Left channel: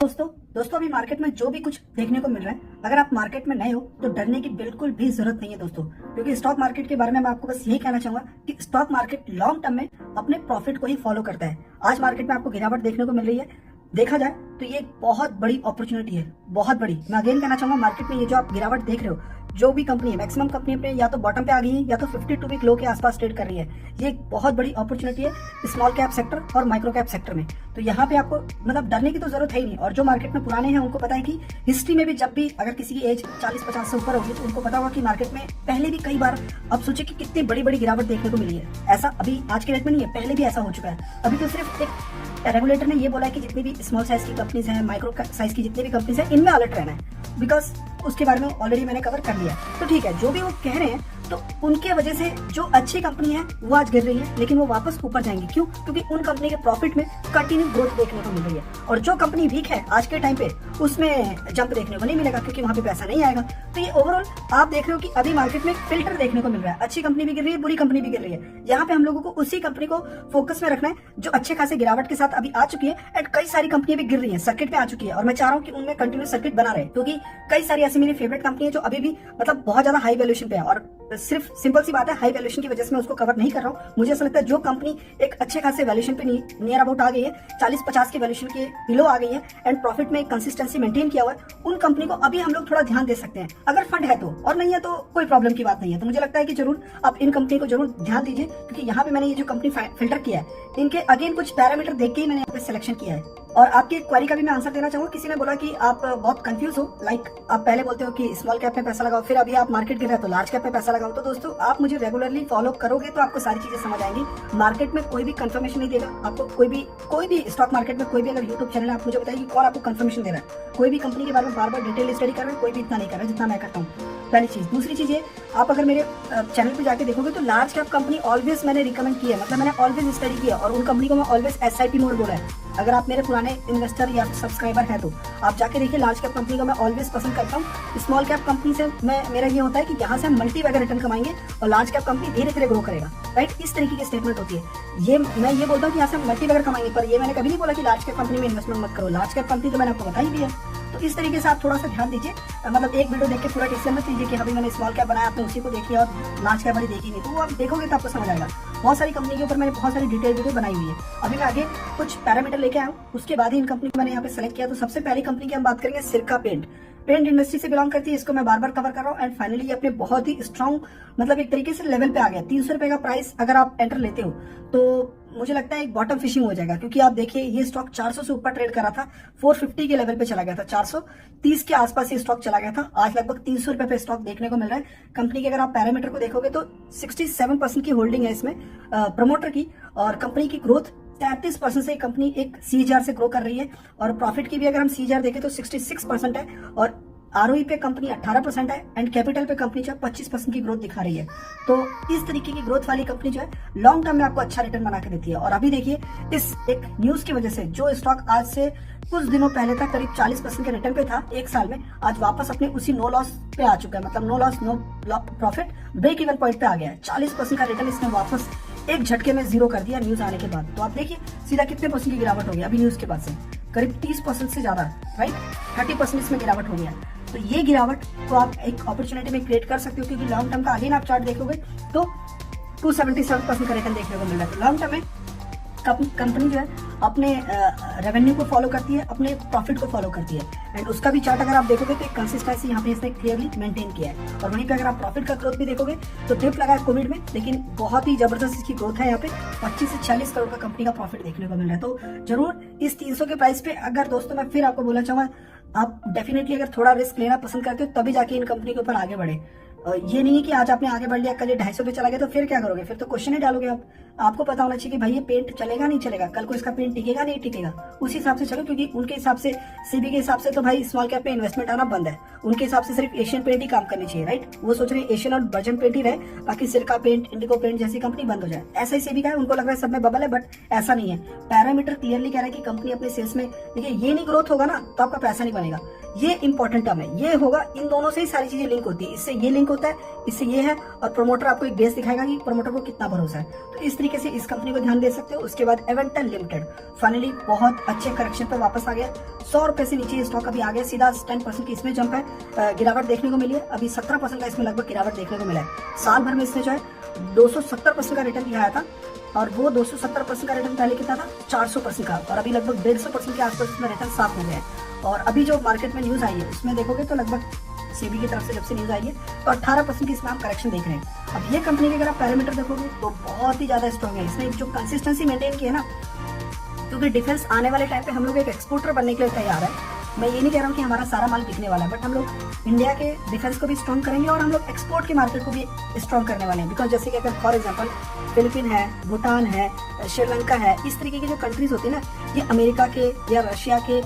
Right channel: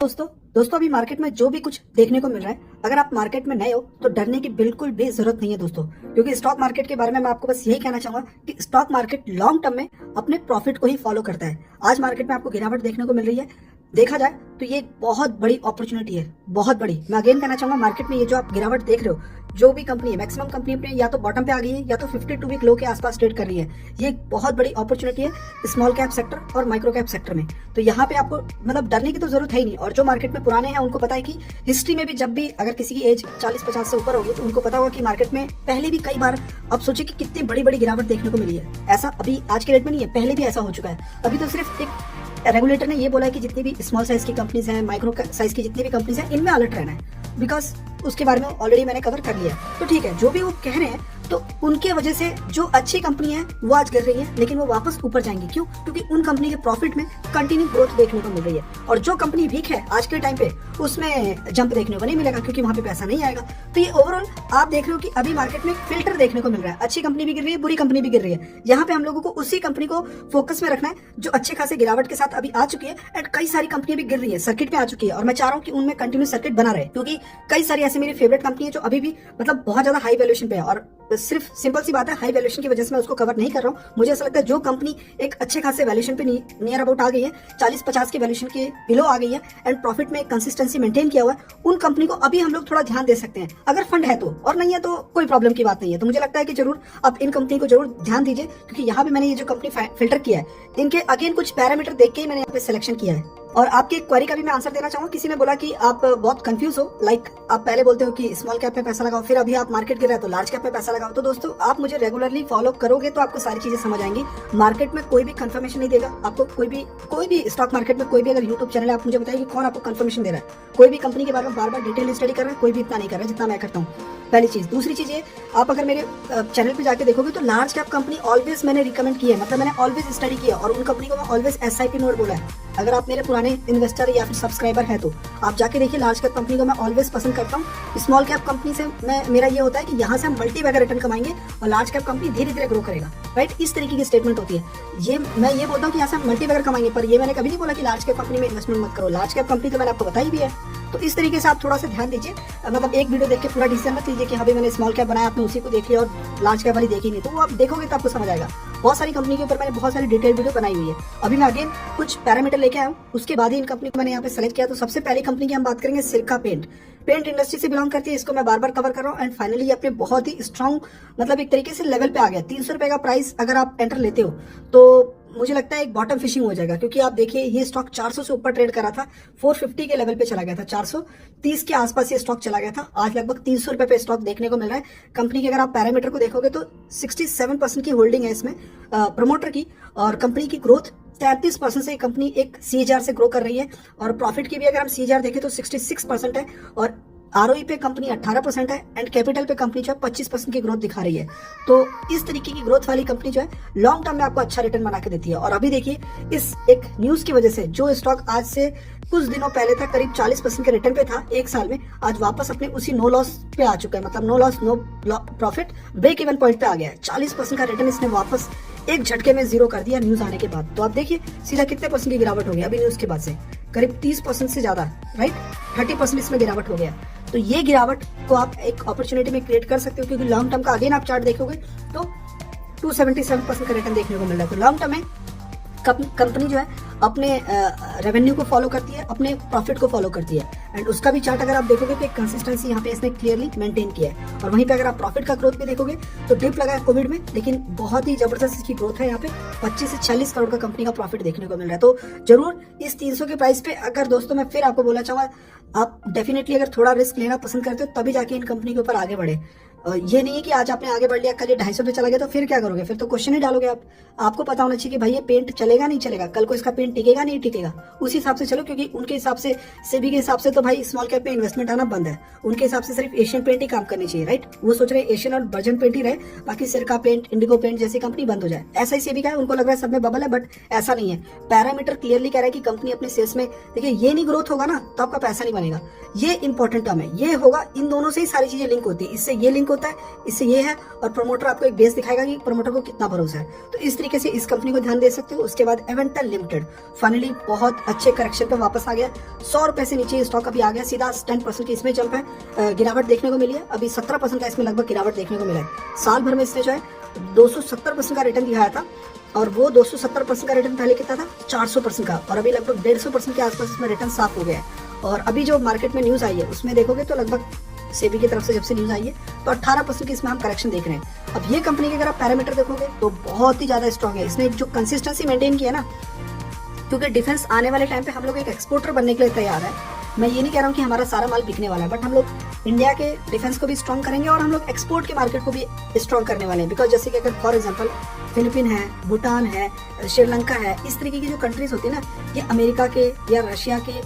दोस्तों दोस्तों अभी मार्केट में जो भी कुछ देखने को मिल रहा है, अगर आप मार्केट में नए हो तो डरने की बिल्कुल भी जरूरत नहीं है दोस्तों। क्योंकि स्टॉक मार्केट के बारे में मैं आपको बस यही कहना चाहूंगा कि स्टॉक मार्केट लॉन्ग टर्म में अपने प्रॉफिट को ही फॉलो करता है। आज मार्केट में आपको गिरावट देखने को मिल रही है, देखा जाए तो ये एक बहुत बड़ी अपॉर्चुनिटी है, बहुत बड़ी। मैं अगेन कहना चाहूंगा, मार्केट में ये जो आप गिरावट देख रहे हो, जो भी कंपनी है, मैक्सिमम कंपनी अपने या तो बॉटम पे आ गई है या तो 52 वीक लो के आसपास ट्रेड कर रही है। ये एक बहुत बड़ी अपॉर्चुनिटी है स्मॉल कैप सेक्टर और माइक्रो कैप सेक्टर में। तो यहाँ पे आपको मतलब डरने की तो जरूरत है ही नहीं। और जो मार्केट में पुराने हैं उनको पता है कि हिस्ट्री में भी जब भी अगर किसी की एज 40-50 से ऊपर होगी तो उनको पता होगा कि मार्केट में पहले भी कई बार आप सोचे कि कितनी बड़ी बड़ी गिरावट देखने को मिली है। ऐसा अभी आज के डेट में नहीं है, पहले भी ऐसा हो चुका है। अभी तो सिर्फ एक रेगुलेटर ने ये बोला है कि जितनी भी स्मॉल साइज की कंपनीज हैं, माइक्रो साइज की जितनी भी कंपनीज हैं, इनमें अलर्ट रहना है। बिकॉज उसके बारे में ऑलरेडी मैंने कवर कर लिया। तो ठीक है, जो भी वो कह रहे हैं तो उनके वजह से जो अच्छी कंपनी है वो आज गिर रही है, लेकिन वो वापस ऊपर जाएंगी। क्यों? क्योंकि उन कंपनी के प्रॉफिट में कंटिन्यू ग्रोथ देखने को मिल रही है। और जो कंपनी वीक है आज के टाइम पे, उसमें जंप देखने को नहीं मिलेगा क्योंकि वहां पे पैसा नहीं आएगा। तो ये ओवरऑल आप देख रहे हो कि अभी मार्केट में फिल्टर देखने को मिल रहा है। अच्छी कंपनी भी गिर रही है, बुरी कंपनी भी गिर रही है। यहाँ पे हम लोगों को उसी कंपनी को फोकस में रखना है जो अच्छे खासे गिरावट के साथ अभी आ चुकी है। एंड कई सारी कंपनी भी गिर रही है, सर्किट में आ चुकी है। और मैं चाह रहा हूँ कि उनमें कंटिन्यू सर्किट बना रहे, क्योंकि कई सारी ऐसी मेरी फेवरेट कंपनी है जो अभी भी मतलब बहुत ज्यादा हाई वैल्यूएशन पे है। और सिर्फ सिंपल सी बात है, हाई वैल्यूएशन की वजह से मैं उसको कवर नहीं कर रहा हूँ। मुझे ऐसा लगता है जो कंपनी एक अच्छे खासे वैल्यूएशन पे नियर अबाउट आ गई है, 40-50 के वैल्यूएशन के बिलो आ गई है, एंड प्रॉफिट में कंसिस्टेंसी मेंटेन किया हुआ है, उन कंपनी को अभी हम लोग थोड़ा ध्यान दे सकते हैं, अगर फंड है तो। और नहीं है तो कोई प्रॉब्लम की बात नहीं है। तो मुझे लगता है कि जरूर आप इन कंपनी को जरूर ध्यान दीजिए, क्योंकि यहाँ पे मैंने ये जो कंपनी फिल्टर किया है, इनके अगेन कुछ पैरामीटर देख के ही मैंने यहाँ पे सिलेक्शन किया है। और आपकी एक क्वेरी का भी मैं आंसर देना चाहूंगा। किसी ने बोला कि आप बहुत कंफ्यूज हो, लाइक आप पहले बोलते हो कि स्मॉल कैप में पैसा लगाओ, फिर अभी आप मार्केट गिरा है तो लार्ज कैप में पैसा लगाओ। तो दोस्तों, आप मुझे रेगुलरली फॉलो करोगे तो आपको सारी चीजें समझ आएंगी। मार्केट में कोई भी कंफर्मेशन नहीं देगा आपको, कोई भी स्टॉक मार्केट में कोई भी अगर यूट्यूब चैनल है, आप मुझे बताइए कि कौन आपको कंफर्मेशन दे रहा है। कोई भी कंपनी के बारे में बार बार डिटेल स्टडी कर रहा है, कोई भी इतना नहीं कर रहा है जितना मैं करता हूँ। पहली चीज। दूसरी चीज ये, आप अगर मेरे चैनल पे जाके देखोगे तो लार्ज कैप कंपनी ऑलवेज मैंने रिकमेंड किया है, मतलब मैंने ऑलवेज स्टडी किया और उन कंपनी को मैं ऑलवेज SIP मोड बोला है। अगर आप मेरे पुराने इन्वेस्टर या फिर सब्सक्राइबर है तो आप जाके देखिए, लार्ज कैप कंपनी को मैं ऑलवेज पसंद करता हूँ। स्मॉल कैप कंपनी से मेरा ये होता है कि यहाँ से हम मल्टी बैगर रिटर्न कमाएंगे और लार्ज कैप कंपनी धीरे धीरे ग्रो करेगा, राइट। इस तरीके की स्टेटमेंट होती है। मैं ये बोलता हूँ कि यहाँ से हम मल्टी बैगर कमाएंगे, पर ये मैंने कभी नहीं बोला कि लार्ज कैप कंपनी में इन्वेस्टमेंट मत करो। लार्ज कैप कंपनी तो मैंने आपको बताई भी है। तो इस तरीके से आप थोड़ा सा ध्यान दीजिए, मतलब एक वीडियो देख के पूरा डिसीजन मत लीजिए कि हाँ भाई मैंने स्मॉल कैप बनाया, आपने उसी को देख लिया और लार्ज कैप वाली देखी नहीं। तो वो आप देखोगे तो आपको समझ आएगा। बहुत सारी कंपनी के ऊपर मैंने बहुत सारी डिटेल वीडियो बनाई हुई है। अभी मैं आगे कुछ पैरामीटर लेके आया हूँ, उसके बाद ही इन कंपनी को मैंने यहाँ पे सेलेक्ट किया। तो सबसे पहली कंपनी की हम बात करेंगे, सिरका पेंट। पेंट इंडस्ट्री से बिलोंग करती है, इसको मैं बार बार कवर कर रहा हूँ। एंड फाइनली अपने बहुत ही स्ट्रॉन्ग मतलब एक तरीके से लेवल पे आ गया। 300 रुपए का प्राइस अगर आप एंटर लेते हो तो मुझे लगता है एक बॉटम फिशिंग हो जाएगा, क्योंकि आप देखिए ये स्टॉक 400 से ऊपर ट्रेड कर रहा था, 450 के लेवल पे चला गया था, 430 के आसपास ये स्टॉक चला गया था। आज लगभग 300 रुपए पे स्टॉक देखने को मिल रहा है। कंपनी के अगर आप पैरामीटर को देखोगे तो 67% की होल्डिंग है इसमें प्रमोटर की, और कंपनी की ग्रोथ 33% से कंपनी एक CAGR से ग्रो कर रही है। और प्रॉफिट की भी अगर हम CAGR देखें तो 66% है, और ROE पे कंपनी 18% है, एंड कैपिटल पे कंपनी जो है 25% की ग्रोथ दिखा रही है। तो इस तरीके की ग्रोथ वाली कंपनी जो है लॉन्ग टर्म में आपको अच्छा रिटर्न बना के देती है। और अभी देखिए, इस एक न्यूज की वजह से जो स्टॉक आज से कुछ दिनों पहले तक करीब 40% के रिटर्न पे था एक साल में, आज वापस अपने उसी नो लॉस पे आ चुका है। मतलब no loss no profit break even point पे आ गया है। 40% का रिटर्न इसने वापस एक झटके में जीरो कर दिया न्यूज आने के बाद। तो आप देखिए सीधा कितने परसेंट की गिरावट हो गई अभी न्यूज के बाद से, करीब 30% से ज्यादा, राइट। 30% इसमें गिरावट हो गया। तो ये गिरावट को आप एक अपॉर्चुनिटी में क्रिएट कर सकते हो, क्योंकि लॉन्ग टर्म का अगेन आप चार्ट देखोगे तो 277% का रिटर्न देखने को मिल रहा है। तो लॉन्ग टर्म में कंपनी जो है अपने रेवेन्यू को फॉलो करती है, अपने प्रॉफिट को फॉलो करती है। एंड उसका भी चार्ट अगर आप देखोगे तो एक कंसिस्टेंसी यहाँ पे इसने क्लियरली मेंटेन किया है। और वहीं पे अगर आप प्रॉफिट का ग्रोथ भी देखोगे तो डिप लगा है कोविड में, लेकिन बहुत ही जबरदस्त इसकी ग्रोथ है। यहाँ पे 25 से 46 करोड़ का कंपनी का प्रॉफिट देखने को मिल रहा है। तो जरूर इस 300 के प्राइस पे अगर दोस्तों मैं फिर आपको बोलना चाहूंगा, आप डेफिनेटली अगर थोड़ा रिस्क लेना पसंद करते हो तभी जाके इन कंपनी के ऊपर आगे बढ़े। ये नहीं है कि आज आपने आगे बढ़ लिया, कल ये 250 पे चला गया तो फिर क्या करोगे? फिर तो क्वेश्चन ही डालोगे आप। आपको पता होना चाहिए कि भाई ये पेंट चलेगा नहीं चलेगा, कल को इसका पेंट टिकेगा नहीं टिकेगा, उस हिसाब से चलो। क्योंकि उनके हिसाब से, सेबी के हिसाब से तो भाई स्मॉल कैप में इन्वेस्टमेंट आना बंद है। उनके हिसाब से सिर्फ एशियन पेंट ही काम करनी चाहिए, राइट। वो सोच रहे हैं एशियन और वर्जन पेंट ही रहे, बाकी सिरका पेंट, इंडिगो पेंट जैसी कंपनी बंद हो जाए। ऐसा ही सेबी का है, उनको लग रहा है सब में बबल है, बट ऐसा नहीं है। पैरामीटर क्लियरली कह रहा है कि कंपनी अपने सेल्स में, देखिए ये नहीं ग्रोथ होगा ना तो आपका पैसा नहीं बनेगा। ये इंपॉर्टेंट टर्म है, ये होगा। इन दोनों से ही सारी चीजें लिंक होती है, इससे ये लिंक लिंक होता है, इससे ये है, और प्रमोटर आपको एक बेस दिखाएगा कि प्रमोटर को कितना भरोसा है। तो इस तरीके से इस कंपनी को ध्यान दे सकते हो। उसके बाद एवेंटल लिमिटेड फाइनली बहुत अच्छे करेक्शन पे वापस आ गया, 100 रुपए से नीचे स्टॉक अभी आ गया, सीधा 10% की इसमें जंप है, गिरावट देखने को मिली है। अभी 17% का इसमें लगभग गिरावट देखने को मिला है। साल भर में इसने जो है 270% का रिटर्न दिखाया था, और वो 270% का रिटर्न पहले कितना था, 400% का, और अभी लगभग 150% के आसपास इसमें रिटर्न साफ हो गया है। और अभी जो मार्केट में न्यूज आई है उसमें देखोगे तो लगभग सेबी की तरफ से जब से न्यूज आई है तो 18% की इसमें आप करेक्शन देख रहे हैं। अब ये कंपनी के अगर आप पैरामीटर देखोगे तो बहुत ही ज्यादा स्ट्रॉन्ग है। इसने जो कंसिस्टेंसी मेंटेन की है ना, क्योंकि डिफेंस आने वाले टाइम पे हम लोग एक एक्सपोर्टर बनने के लिए तैयार है। मैं ये नहीं कह रहा हूँ कि हमारा सारा माल बिकने वाला है, बट हम लोग इंडिया के डिफेंस को भी स्ट्रॉन्ग करेंगे और हम लोग एक्सपोर्ट के मार्केट को भी स्ट्रॉन्ग करने वाले हैं। बिकॉज जैसे कि अगर फॉर एग्जांपल फिलीपीन है, भूटान है, श्रीलंका है, इस तरीके की जो कंट्रीज होती है ना, ये अमेरिका के या रशिया के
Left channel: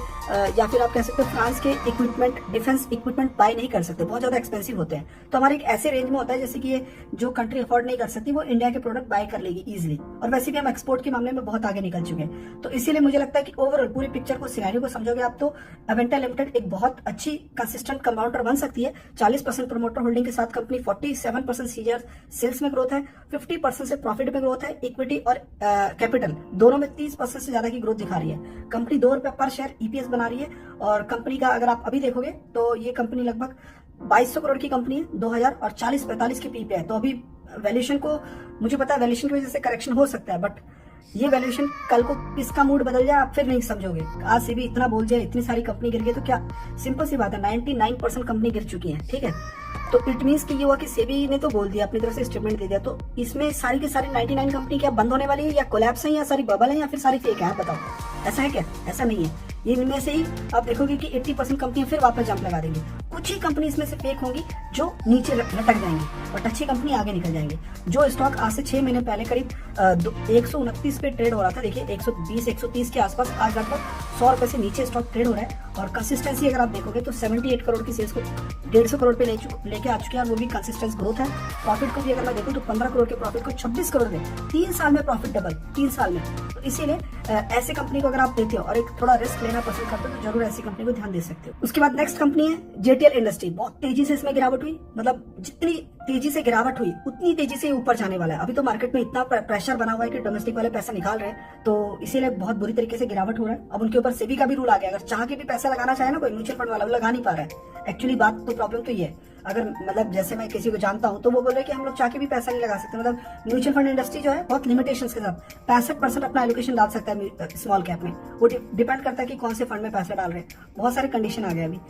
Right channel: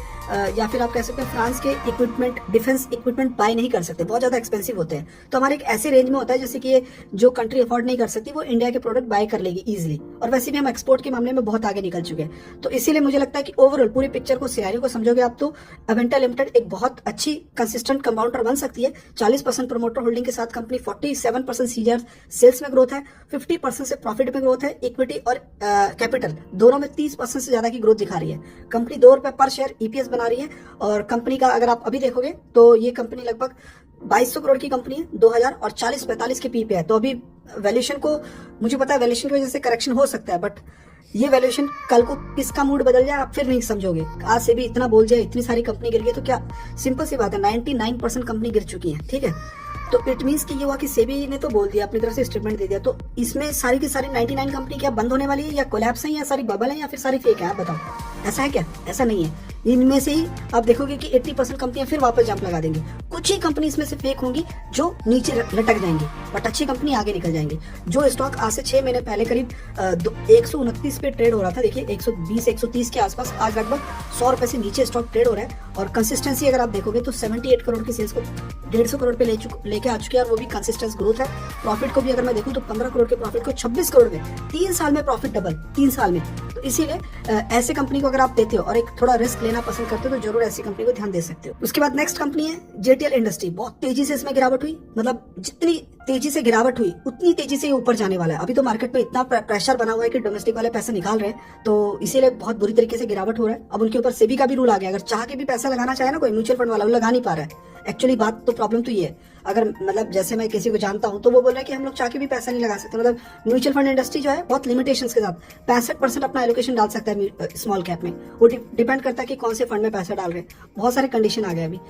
या फिर आप कह सकते हो फ्रांस के इक्विपमेंट, डिफेंस इक्विपमेंट बाय नहीं कर सकते, बहुत ज्यादा एक्सपेंसिव होते हैं। तो हमारे एक ऐसे रेंज में होता है जैसे कि ये जो कंट्री अफोर्ड नहीं कर सकती वो इंडिया के प्रोडक्ट बाय कर लेगी इजीली, और वैसे भी हम एक्सपोर्ट के मामले में बहुत आगे निकल चुके हैं। तो इसीलिए मुझे लगता है कि ओवरऑल पूरी पिक्चर को, सिनेरियो को समझोगे आप तो अवेंटा लिमिटेड एक बहुत अच्छी कंसिस्टेंट कंपाउंडर बन सकती है। 40% प्रमोटर होल्डिंग के साथ कंपनी 47% सीजर सेल्स में ग्रोथ है, 50% से प्रॉफिट में ग्रोथ है, इक्विटी और कैपिटल दोनों में 30% से ज्यादा की ग्रोथ दिखा रही है। कंपनी 2 रुपए पर शेयर ईपीएस बना रही है, और कंपनी का अगर आप अभी देखोगे तो ये कंपनी लगभग 2200 करोड़ की कंपनी है, 2000 और 40-45 के पी पे है। तो अभी वैल्यूएशन को, मुझे पता है वैल्यूएशन की वजह से करेक्शन हो सकता है, बट ये वैल्यूएशन कल को किसका मूड बदल जाए आप फिर नहीं समझोगे। आज से भी इतना बोल जाए, इतनी सारी कंपनी गिर गई तो क्या, सिंपल सी बात है, 99% कंपनी गिर चुकी है, ठीक है। तो इट मींस कि ये हुआ कि सेबी ने तो बोल दिया, अपनी तरफ से स्टेटमेंट दे दिया, तो इसमें सारी की सारी 99 कंपनी क्या बंद होने वाली है, या कोलैप्स है, या सारी बबल है, या फिर सारी फेक है, आप बताओ, ऐसा है क्या? ऐसा नहीं है। इनमें से ही आप देखोगे कि 80% कंपनियां फिर वापस जंप लगा देंगी। कुछ ही कंपनी इसमें से फेक होंगी जो नीचे लटक जाएंगी, बट अच्छी कंपनी आगे निकल जाएंगे। जो स्टॉक आज से 6 महीने पहले करीब 129 पे ट्रेड हो रहा था, देखिए 120-130 के आसपास, आज लगभग 100 रुपए से नीचे स्टॉक ट्रेड हो रहा है। और कंसिस्टेंसी अगर आप देखोगे तो 78 करोड़ की सेल्स को 150 करोड़ पे लेके आ चुके हैं, और वो भी कंसिस्टेंस ग्रोथ है। प्रॉफिट को भी अगर मैं देखूं तो 15 करोड़ के प्रॉफिट को 26 करोड़ में 3 साल में प्रॉफिट डबल, 3 साल में। तो इसीलिए ऐसी कंपनी को अगर आप देते हो और एक थोड़ा रिस्क लेना पसंद करते हो तो जरूर ऐसी कंपनी को ध्यान दे सकते हो। उसके बाद नेक्स्ट कंपनी है जेटीएल इंडस्ट्री। बहुत तेजी से इसमें गिरावट हुई, मतलब जितनी तेजी से गिरावट हुई उतनी तेजी से ऊपर जाने वाला है। अभी तो मार्केट में इतना प्रेशर बना हुआ है कि डोमेस्टिक वाले पैसा निकाल रहे हैं, तो इसीलिए बहुत बुरी तरीके से गिरावट हो रहा है। अब उनके ऊपर सेबी का भी रूल आ गया, अगर चाह के भी पैसा लगाना चाहे ना कोई म्यूचुअल फंड वाला, वो लगा नहीं पा रहा है। एक्चुअली बात तो प्रॉब्लम तो ये है, अगर मतलब जैसे मैं किसी को जानता हूं तो वो बोल रहे हैं कि हम लोग चाह के भी पैसा नहीं लगा सकते। मतलब म्यूचुअल फंड इंडस्ट्री जो है बहुत लिमिटेशंस के साथ 65% अपना एलोकेशन डाल सकता है स्मॉल कैप में। वो डिपेंड करता है कि कौन से फंड में पैसा डाल रहे हैं, बहुत सारे कंडीशन आ गए। अभी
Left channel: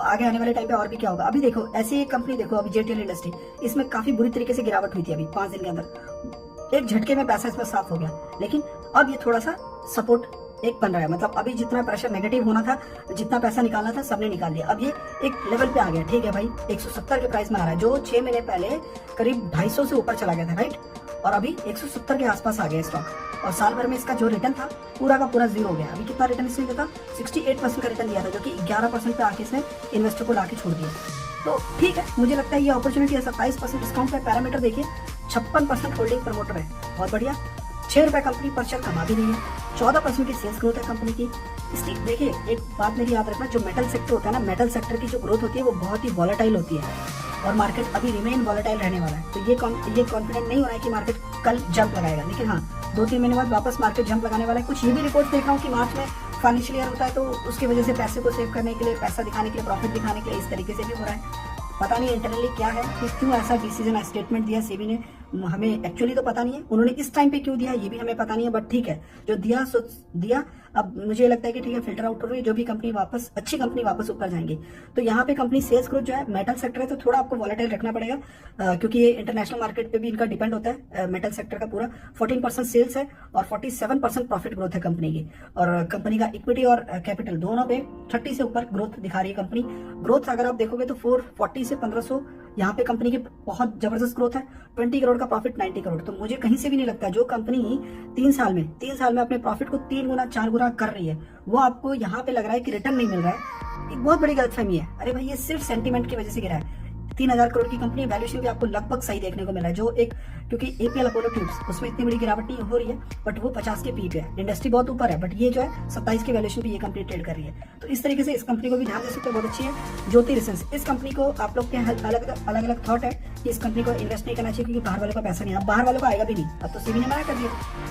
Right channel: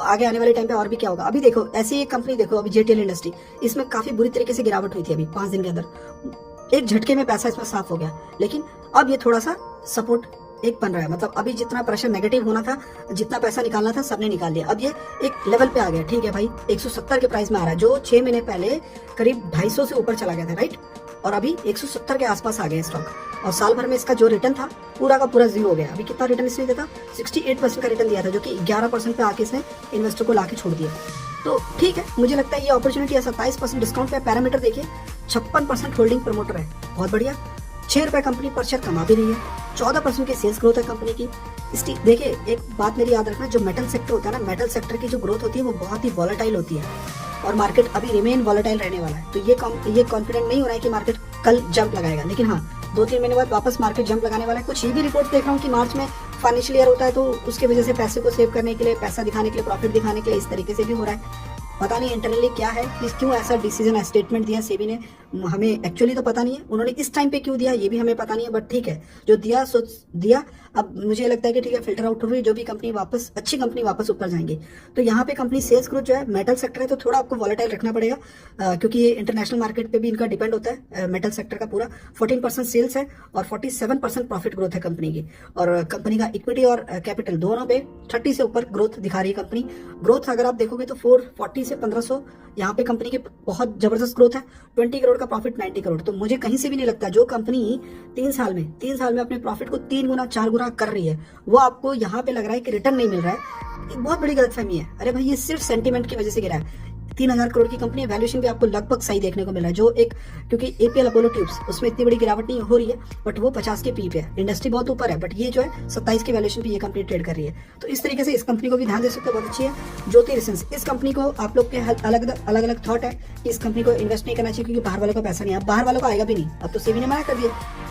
आगे आने वाले टाइम पे और भी क्या होगा। अभी देखो ऐसी एक कंपनी देखो, अभी जेटीएल इंडस्ट्री, इसमें काफी बुरी तरीके से गिरावट हुई थी। अभी 5 दिन के अंदर एक झटके में पैसा इसमें साफ हो गया, लेकिन अब ये थोड़ा सा सपोर्ट एक बन रहा है। मतलब अभी जितना प्रेशर नेगेटिव होना था, जितना पैसा निकालना था, सबने निकाल दिया। अब ये एक लेवल पे आ गया, ठीक है भाई, 170 के प्राइस में आ रहा है, जो 6 महीने पहले करीब 250 से ऊपर चला गया था, राइट। और अभी 170 के आसपास आ गया स्टॉक, और साल भर में इसका जो रिटर्न था पूरा का पूरा 0 हो गया। अभी कितना रिटर्न इसने दिया था, 68% का रिटर्न दिया था, जो कि 11% पे आके इसने इन्वेस्टर को लाके छोड़ दिया। तो ठीक है, मुझे लगता है ये अपॉर्चुनिटी है। 27% डिस्काउंट पे, पैरामीटर देखिए 56% होल्डिंग प्रमोटर है, बहुत बढ़िया। 6 रुपए कंपनी पर शेयर कमा भी रही है, 14% की सेल्स ग्रोथ है कंपनी की। इसकी देखिए एक बात मेरी याद रखना, जो मेटल सेक्टर होता है ना, मेटल सेक्टर की जो ग्रोथ होती है वो बहुत ही वॉलेटाइल होती है, और मार्केट अभी रिमेन वॉलेटाइल रहने वाला है। तो ये कॉन्फिडेंट नहीं हो रहा है कि मार्केट कल जंप लगाएगा, लेकिन हाँ 2-3 महीने बाद वापस मार्केट जंप लगाने वाला है। कुछ ये भी रिपोर्ट देख रहा हूँ कि मार्च में फाइनेंशियल ईयर होता है, तो उसकी वजह से पैसे को सेव करने के लिए, पैसा दिखाने के लिए, प्रॉफिट दिखाने के लिए इस तरीके से भी हो रहा है। पता नहीं इंटरनली क्या है, क्यों ऐसा डिसीजन स्टेटमेंट दिया सेबी ने, हमें एक्चुअली तो पता नहीं है। उन्होंने इस टाइम पे क्यों दिया ये भी हमें पता नहीं है, बट ठीक है, जो दिया सो दिया। अब मुझे लगता है कि ठीक है, फिल्टर आउट हो रही है, जो भी कंपनी वापस, अच्छी कंपनी वापस ऊपर जाएंगे। तो यहाँ पे कंपनी सेल्स ग्रोथ जो है, मेटल सेक्टर है तो थोड़ा आपको वॉलेटाइल रखना पड़ेगा, क्योंकि ये इंटरनेशनल मार्केट पे भी इनका डिपेंड होता है। मेटल सेक्टर का पूरा 14% सेल्स है और 47% प्रॉफिट ग्रोथ है कंपनी की, और कंपनी का इक्विटी और कैपिटल दोनों पे 30 से ऊपर ग्रोथ दिखा रही है कंपनी। ग्रोथ अगर आप देखोगे तो 440 से 1500 यहाँ पे कंपनी की बहुत जबरदस्त ग्रोथ है। 20 करोड़ का प्रॉफिट, 90 करोड़। तो मुझे कहीं से भी नहीं लगता जो कंपनी 3 साल में अपने प्रॉफिट को 3 गुना 4 गुना कर रही है, वो आपको यहाँ पे लग रहा है कि रिटर्न नहीं मिल रहा है, एक बहुत बड़ी गलतफहमी है। अरे भाई ये सिर्फ सेंटीमेंट की वजह से गिरा है। 3,000 करोड़ की कंपनी है, वैल्यूएशन भी आपको लगभग सही देखने को मिला है। जो एक क्योंकि एपीएल अपोलो ट्यूब्स उसमें इतनी बड़ी गिरावट नहीं हो रही है, बट वो 50 की पी पे है, इंडस्ट्री बहुत ऊपर है, बट ये जो है 27 की वैल्यूएशन पे ये कंपनी ट्रेड कर रही है। तो इस तरीके से इस कंपनी को भी ध्यान दे सकते हो, बहुत अच्छी है। ज्योति रिसेंस, इस कंपनी को आप लोग के अलग अलग थॉट है कि इस कंपनी को इन्वेस्ट नहीं करना चाहिए क्योंकि बाहर वालों का पैसा नहीं है। अब बाहर वालों का आएगा भी नहीं, अब तो सेबी ने मना कर दिया।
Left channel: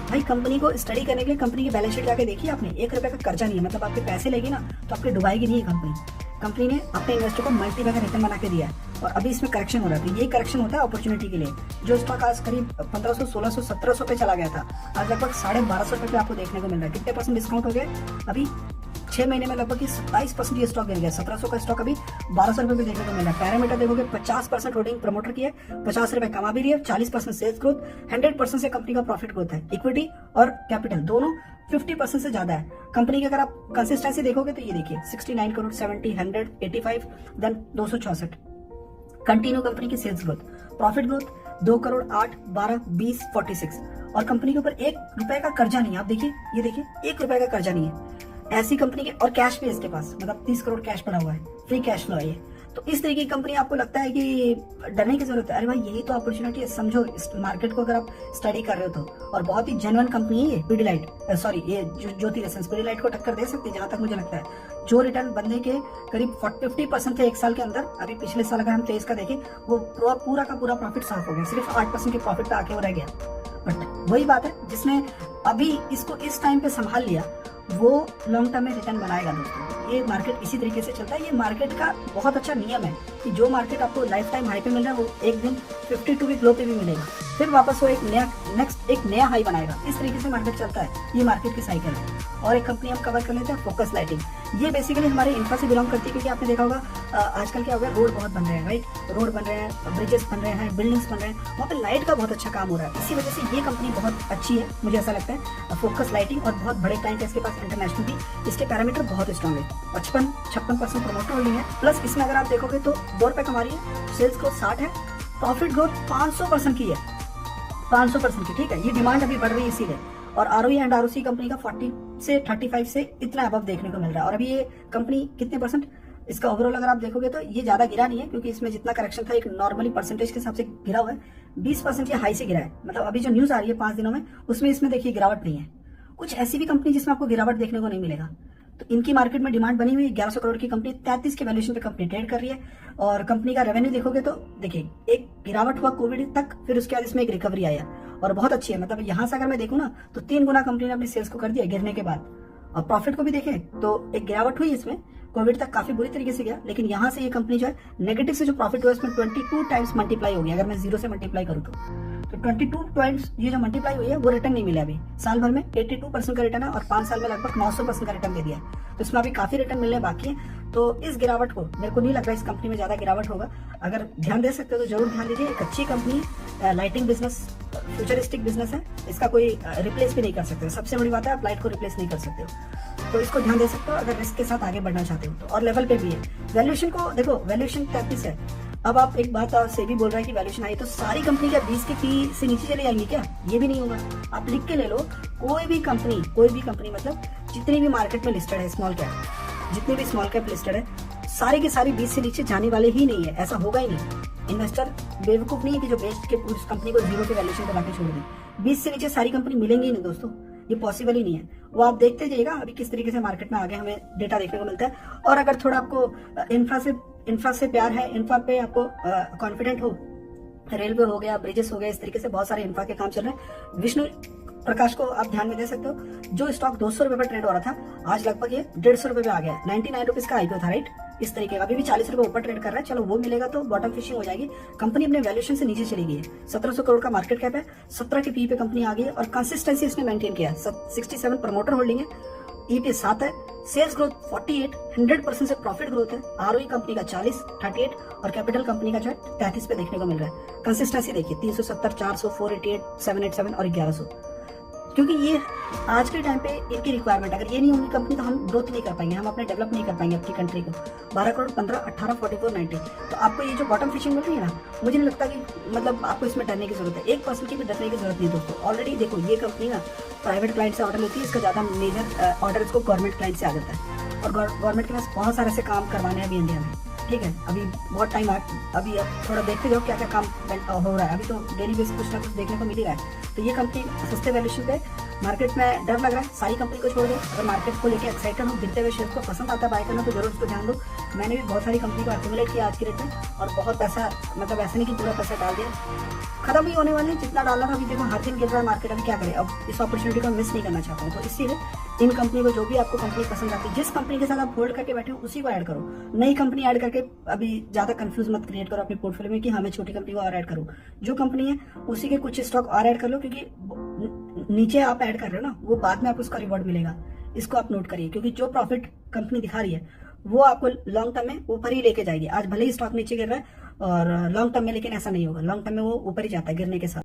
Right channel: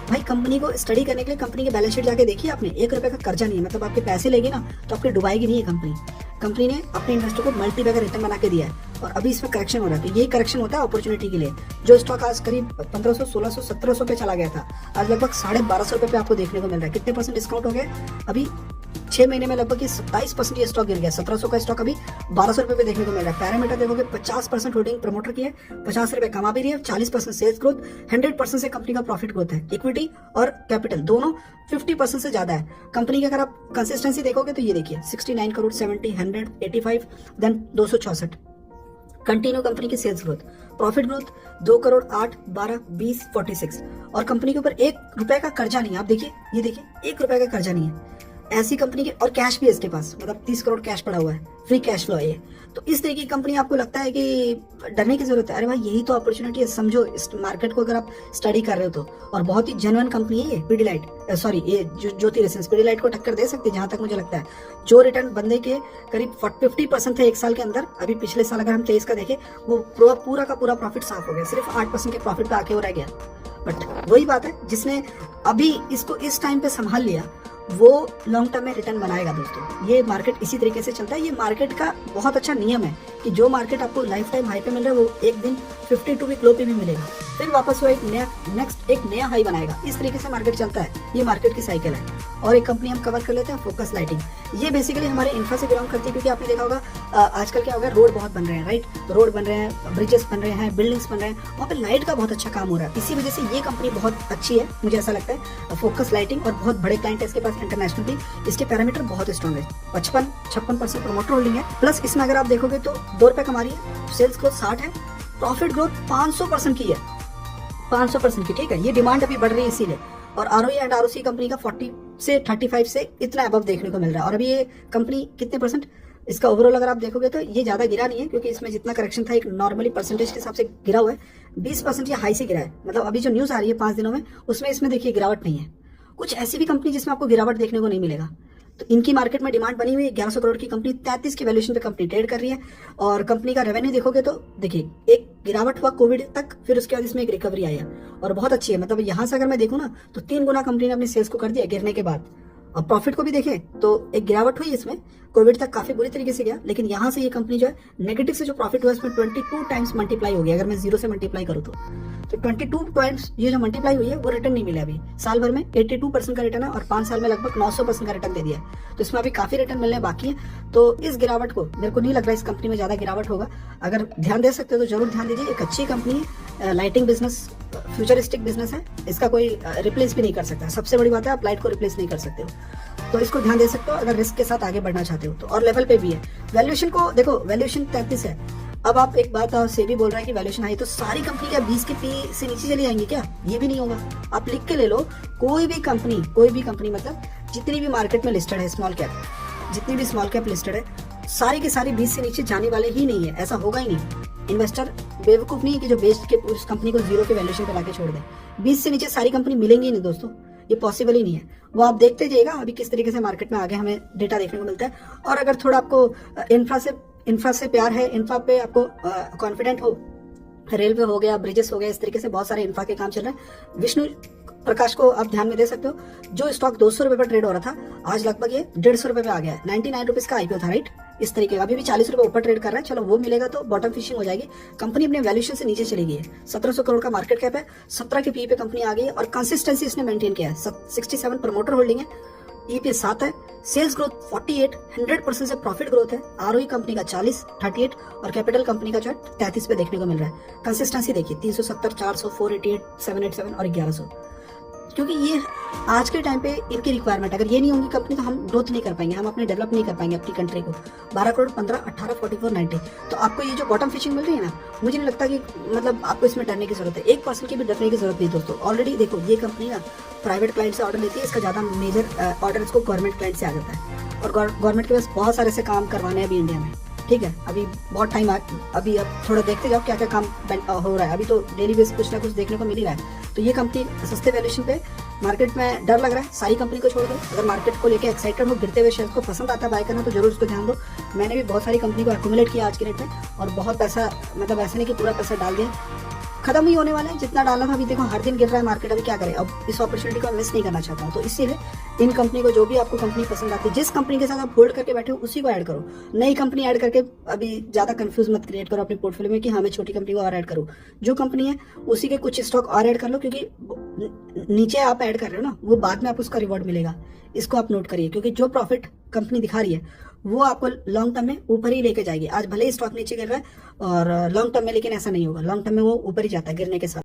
भाई कंपनी को स्टडी करने के लिए कंपनी की बैलेंस शीट जाके देखिए आपने, 1 रुपए का कर्जा नहीं है, मतलब आपके पैसे लेगी ना तो आपके डुबाएगी नहीं है कंपनी। कंपनी ने अपने इन्वेस्टर को मल्टी बैगर रिटर्न बना के दिया है और अभी इसमें करेक्शन हो रहा है। तो ये करेक्शन होता है अपॉर्चुनिटी के लिए। जो स्टॉक आज करीब 1500, 1600, 1700 पे चला गया था, आज लगभग 1250 रुपए पे आपको देखने को मिल रहा है। कितने % डिस्काउंट हो गया? अभी 6 महीने में लगभग 27% ये स्टॉक गिर गया। 1700 का स्टॉक अभी 1200 रुपए पे देखने को मिल रहा है। पैरामीटर देखोगे 50% होल्डिंग प्रमोटर की है, 50 रुपए कमा भी रही है, 40% सेल्स ग्रोथ, 100% से कंपनी का प्रॉफिट ग्रोथ है। इक्विटी और कैपिटल दोनों 50% से ज्यादा है कंपनी की। अगर आप कंसिस्टेंसी देखोगे तो ये देखिए 69 करोड़, 70, 100, 85, देन 264 कंटिन्यू कंपनी की sales growth, profit growth 2 crore 8, 12, 20, 46 और कंपनी के ऊपर 1 रुपए का कर्जा नहीं है। आप देखिए, ये देखिए 1 रुपए का कर्जा नहीं है ऐसी कंपनी के, और कैश भी है इसके पास, मतलब 30 करोड़ कैश पड़ा हुआ है, फ्री कैश फ्लो है ये। तो इस तरीके की कंपनी आपको लगता है कि डरने की जरूरत है? अरे भाई यही तो अपॉर्चुनिटी है, समझो इस मार्केट को अगर आप स्टडी कर रहे हो तो। और बहुत ही जेन्युइन कंपनी है ये पीडीलाइट, सॉरी ये ज्योति रिसेंस पीडीलाइट को टक्कर दे सकती है जहां तक मुझे लगता है। जो रिटर्न बंदे के करीब 50% थे 1 साल के अंदर, अभी पिछले साल अगर हम 23 का देखें वो पूरा का पूरा प्रॉफिट साफ हो गया, सिर्फ 8% के प्रॉफिट पे आके वो रह गया। बट वही बात है, जिसने अभी इसको इस टाइम पे संभाल लिया वो लॉन्ग टर्म में रिटर्न बनाएगा दोस्तों। ये मार्केट इसी तरीके से चलता है। ये मार्केट का बहुत अच्छा नियम है कि जो मार्केट आपको लाइफ टाइम हाई पे मिल रहा है वो एक दिन 52 वीक लो पे भी मिलेगा, फिर वापस वो एक नया हाई बनाएगा। इस तरीके से मार्केट चलता है, ये मार्केट की साइकिल है। और एक कंपनी हम कवर कर लेते हैं, फोकस लाइटिंग। ये बेसिकली हमारे इंफ्रा से बिलोंग करती है, क्योंकि आपने देखा होगा आजकल क्या हो गया, रोड बहुत बन रहे हैं, राइट, रोड बन रहे हैं, ब्रिजेस बन रहे हैं, बिल्डिंग्स बन रहे हैं, वहाँ पे लाइट का बहुत अच्छा काम हो रहा है। इसी वजह से ये कंपनी बहुत अच्छी है, मुझे ऐसा लगता है, फोकस लाइटिंग। और बहुत बड़े क्लाइंट है इसके पास इंटरनेशनल भी, इसके पैरामीटर बहुत स्ट्रॉन्ग है। 56% प्रमोटर होल्डिंग है, प्लस इसमें अगर आप देखोगे तो 2 रुपए कमा रही है, सेल्स ग्रोथ 60 है, प्रॉफिट ग्रोथ 500% की है, 500% की, ठीक है। ये डिमांड अभी बढ़ रही है इसीलिए। और आरओई एंड आरओसी कंपनी का 40 से 35 से इतना अबव देखने को मिल रहा है। और अभी ये कंपनी कितने % इसका ओवरऑल अगर आप देखोगे तो ये ज्यादा गिरा नहीं है, क्योंकि इसमें जितना करेक्शन था एक नॉर्मली परसेंटेज के हिसाब से गिरा हुआ है, 20% ये हाई से गिरा है। मतलब अभी जो न्यूज आ रही है 5 दिनों में, उसमें इसमें देखिए गिरावट नहीं है। कुछ ऐसी भी कंपनी जिसमें आपको गिरावट देखने को नहीं मिलेगा। तो इनकी मार्केट में डिमांड बनी हुई है। 1100 करोड़ की कंपनी 33 की वैल्यूएशन पे कंपनी ट्रेड कर रही है। और कंपनी का रेवेन्यू देखोगे तो देखिए एक गिरावट हुआ कोविड तक, फिर उसके बाद इसमें एक रिकवरी आया और बहुत अच्छी है। मतलब यहाँ से अगर मैं देखूँ ना तो 3 गुना कंपनी ने अपनी सेल्स को कर दिया गिरने के बाद। और प्रॉफिट को भी देखें तो एक गिरावट हुई इसमें, कोविड तक काफी बुरी तरीके से गया, लेकिन यहाँ से ये कंपनी जो है नेगेटिव से जो प्रॉफिट हुआ इसमें 22 टाइम्स मल्टीप्लाई हो गया। अगर मैं 0 से मल्टीप्लाई करूँ तो 22 टाइम्स ये जो मल्टीप्लाई हुई है वो रिटर्न नहीं मिला। अभी साल भर में 82% का रिटर्न है और 5 साल में लगभग 900% का रिटर्न दे दिया। तो इसमें अभी काफी रिटर्न मिलने बाकी है। तो इस गिरावट को मेरे को नहीं लग रहा है इस कंपनी में ज्यादा गिरावट होगा। अगर ध्यान दे सकते हो तो जरूर ध्यान दीजिए। एक अच्छी कंपनी है, लाइटिंग बिजनेस फ्यूचरिस्टिक बिजनेस है, इसका कोई रिप्लेस भी नहीं कर सकता। सबसे बड़ी बात है आप लाइट को रिप्लेस नहीं कर सकते हो, तो इसको ध्यान दे सकते हो अगर रिस्क के साथ आगे बढ़ना चाहते हो तो। और लेवल पे भी है। वैल्यूएशन को देखो, वैल्यूएशन 33 है। अब आप एक बात सेबी बोल रहा है कि वैल्यूएशन आई तो सारी कंपनी क्या 20 के पी से नीचे चली जाएंगी क्या? ये भी नहीं होगा। आप लिख के ले लो, कोई भी कंपनी मतलब जितनी भी मार्केट में लिस्टेड है स्मॉल कैप, जितनी भी स्मॉल कैप लिस्टेड है सारी की सारी 20 से नीचे जाने वाले ही नहीं है। ऐसा होगा ही नहीं। इन्वेस्टर बेवकूफ नहीं है कि जो बेच के उस कंपनी को 0 के वैल्यूएशन पर लाके छोड़ दें। 20 से नीचे सारी कंपनी मिलेंगी ही नहीं दोस्तों, ये पॉसिबल ही नहीं है। वो आप देखते जाइएगा अभी किस तरीके से मार्केट में आगे हमें डेटा देखने को मिलता है। और अगर थोड़ा आपको इंफ्रा से प्यार है, इंफ्रा पे आपको कॉन्फिडेंट हो, रेलवे हो गया, ब्रिजेस हो गया, इस तरीके से बहुत सारे इंफ्रा के काम चल रहे हैं। विष्णु प्रकाश को आप ध्यान में दे सकते हो। जो स्टॉक 200 रुपए पर ट्रेड हो रहा था आज लगभग ये 150 रुपए पे आ गया है। 99 रुपीज का आईपीओ था, राइट। इस तरीके का अभी भी 40 रुपए ऊपर ट्रेड कर रहा है। चलो वो मिलेगा तो बॉटम फिशिंग हो जाएगी। कंपनी अपने वैल्यूएशन से नीचे चली गई है। 1700 करोड़ का मार्केट कैप है, 17 के पी पे कंपनी आ गई है और कंसिस्टेंसी इसने मेंटेन किया है। 67 प्रमोटर होल्डिंग है, ईपी 7 है, सेल्स ग्रोथ 48, 100% से प्रॉफिट ग्रोथ है। आरओई कंपनी का 40, 38 और कैपिटल कंपनी का जो है 33 पे देखने को मिल रहा है। कंसिस्टेंसी देखिए 370, 400, 488, 787 और 1100। क्योंकि ये आज के टाइम पे इनकी रिक्वायरमेंट, अगर ये नहीं होगी कंपनी तो हम ग्रोथ नहीं कर पाएंगे, हम अपने डेवलप नहीं कर पाएंगे अपनी कंट्री को। 12 करोड़ 15, 18, 44, 90। तो आपको ये जो बॉटम फिशिंग मिल रही है ना, मुझे नहीं लगता कि मतलब आपको इसमें डरने की जरूरत है। 1% की भी डरने की जरूरत नहीं है दोस्तों। ऑलरेडी देखो ये कंपनी ना प्राइवेट क्लाइंट से ऑर्डर लेती है, इसका ज्यादा मेजर ऑर्डर इसको गवर्नमेंट क्लाइंट से आ जाता है और गवर्नमेंट के पास बहुत सारे से काम करवाने हैं अभी इंडिया में। ठीक है, अभी बहुत टाइम अभी अब थोड़ा देखते जाओ क्या क्या काम हो रहा है। अभी तो डेली बेस कुछ ना कुछ देखने को मिल ही रहा है। तो ये कंपनी सस्ते वैल्यूएशन पे, मार्केट में डर लग रहा है, सारी कंपनी को छोड़ दो। अगर मार्केट को लेके एक्साइटेड हो, गिरते हुए शेयर को पसंद आता है बाय करना, तो जरूर उसको ध्यान दो। मैंने भी बहुत सारी कंपनी को एक्यूमुलेट किया आज के रेट में, और बहुत पैसा, मतलब ऐसा नहीं कि पूरा पैसा डाल दिया, खत्म ही होने वाले हैं। जितना डालना था, अभी देखो हर दिन गिर रहा है मार्केट, अभी क्या करें। अब इस अपॉर्चुनिटी को मिस नहीं करना चाहता हूँ। तो इसीलिए इन कंपनी को, जो भी आपको कंपनी पसंद आती है, जिस कंपनी के साथ आप होल्ड करके बैठे हो उसी को ऐड करो। नई कंपनी ऐड करके अभी ज्यादा कंफ्यूज मत क्रिएट करो अपने पोर्टफोलियो में कि हाँ मैं छोटी कंपनी को और ऐड करूँ। जो कंपनी है उसी के कुछ स्टॉक और ऐड कर लो, क्योंकि नीचे आप ऐड कर रहे हो ना, वो बाद में आपको उसका रिवॉर्ड मिलेगा। इसको आप नोट करिए, क्योंकि जो प्रॉफिट कंपनी दिखा रही है वो आपको लॉन्ग टर्म में ऊपर ही लेके जाएगी। आज भले ही स्टॉक नीचे गिर रहा है और लॉन्ग टर्म में, लेकिन ऐसा नहीं होगा। लॉन्ग टर्म में वो ऊपर ही जाता है गिरने के साथ।